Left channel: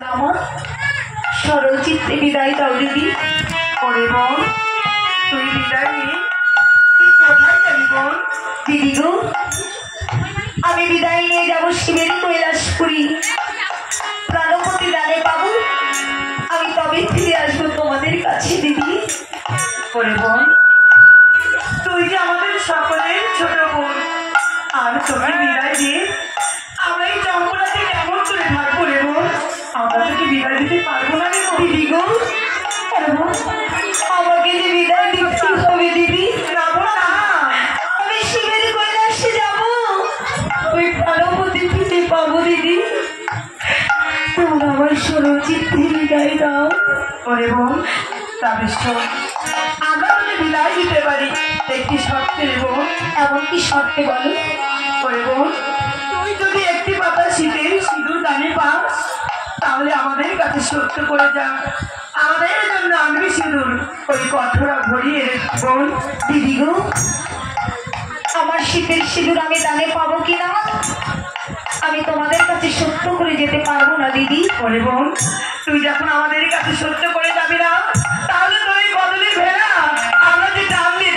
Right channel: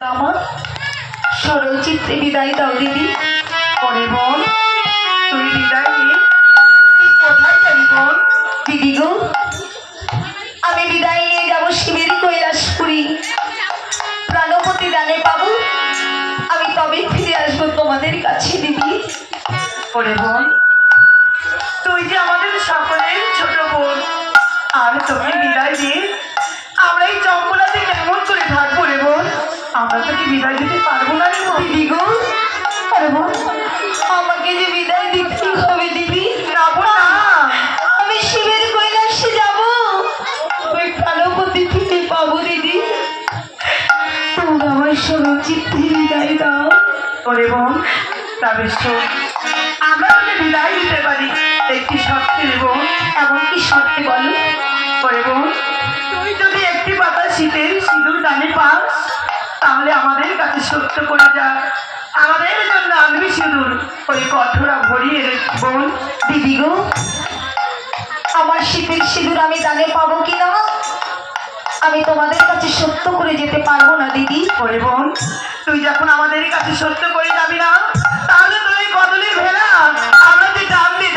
আমার সরল চিত্তে বিদায় দাও দিদি। ওরে বোন, তুই বিদায় নিয়ে কোথায় যাবি বোন? দিদি গো, আমি বিদায় নিয়ে যাবো শিবের কৈলাসপুরী। প্রাণপতি দানে পাবো, আমি তবে ফিরে আসবো তোমাদের কাছে দিদি। ওরে বোন, তুই যে আমাদের সকলের ছোট বোন, আর তোকে বিদায় দিয়ে আমরা এই জঙ্গলাতে কেমন করে থাকবো রে বোন? আমরা তোকে বিদায় দিতে পারবো না রে বোন। দিদি গো, আরে বোন, আমাকে যে বিদায় দিতে হবে দিদি। যাবো না, আমি শিবের কৈলাসে যাবো, ওই প্রাণপতি ফিরে পাবো দিদি। তোমরা আমার সরল চিত্তে বিদায় দাও। ওরে বোন, তবে শোন, আমরা তোকে বিদায় দিতে পারি একটি শর্তে রে বোন। এমন কি শর্তে বলো? ওরে বোন, তুই যদি একটি পাতা শীতের সিঁদুর দানে পাস, তাহলে আমাদের কাছে সত্য করে যা, আমাদের জন্য আনবি সিঁদুর ওই কঠোরা ভরিয়ে রে বোন। দিদি গো, আমার শীতের সিঁদুর আমি দানে পাবো কিনা আমি তোমাদের কাছে সত্য করে যেতে পারবো না দিদি। ওরে বোন, তুই যখন আমাদের কাছে সত্য করে যাবি না, তাহলে তুই কদলের ভেলা আমরা যে টান দিয়ে